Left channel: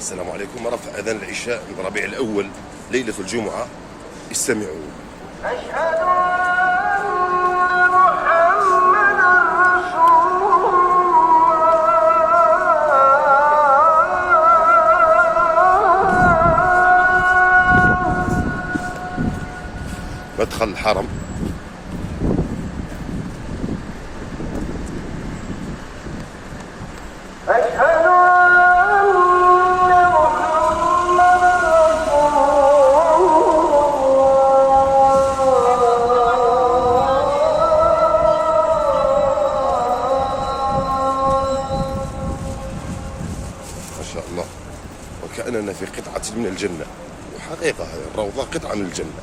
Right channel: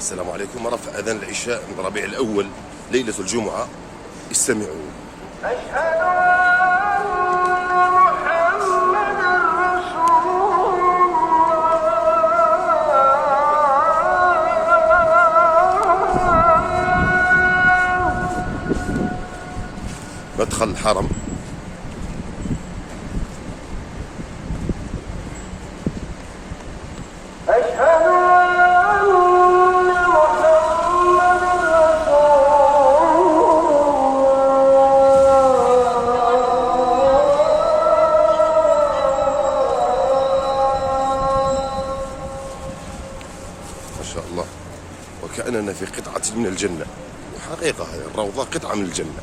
السلام عليكم. رفع أذان العشاء من ربيع الأول ليلة الجمعة. استمعوا. أشهد أن محمدا رسول الله. مدخل الحرم. أشهد ما شاء الله، وكأننا في قطعة من الجنة. وحقيقة الروضة قطعة من الجنة.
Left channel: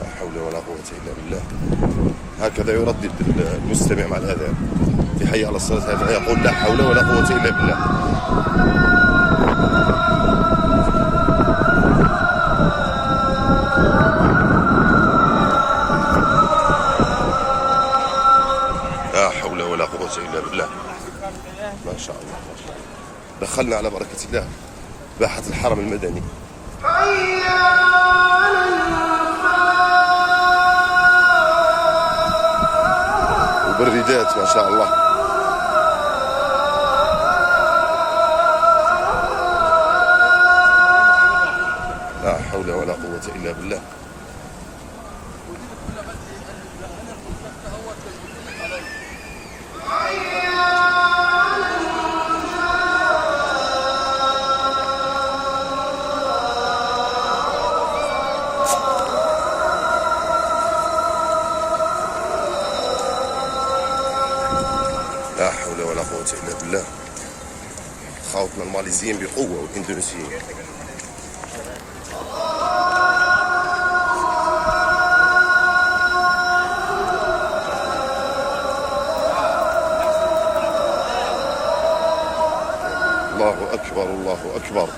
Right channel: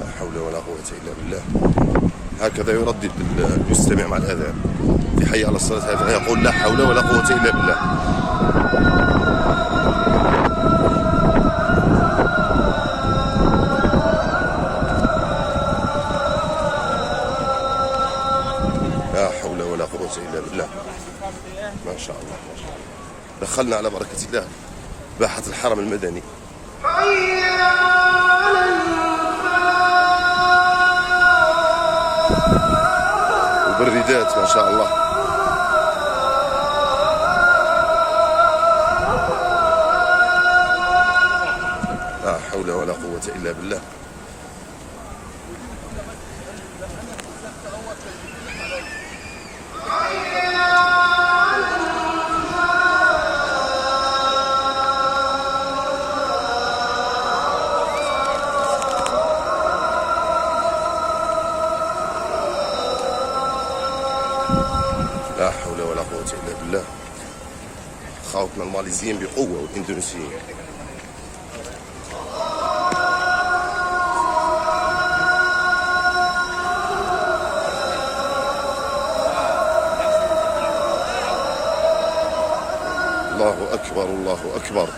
لا حول ولا قوة إلا بالله. هكذا يردد المستمع مع الأذان في حي على الصلاة، هذا يقول لا حول ولا قوة إلا بالله. لا حول ولا قوة إلا بالله. ما شاء الله ما شاء الله. دخلنا على بركة الله باحة الحرم المدني. وبالردات ما شاء الله. لا حول ولا قوة إلا بالله. لا حول ولا قوة إلا بالله. خاوتنا الماليزيين بقوة والإندونيسيين. الله أكبر الله أكبر.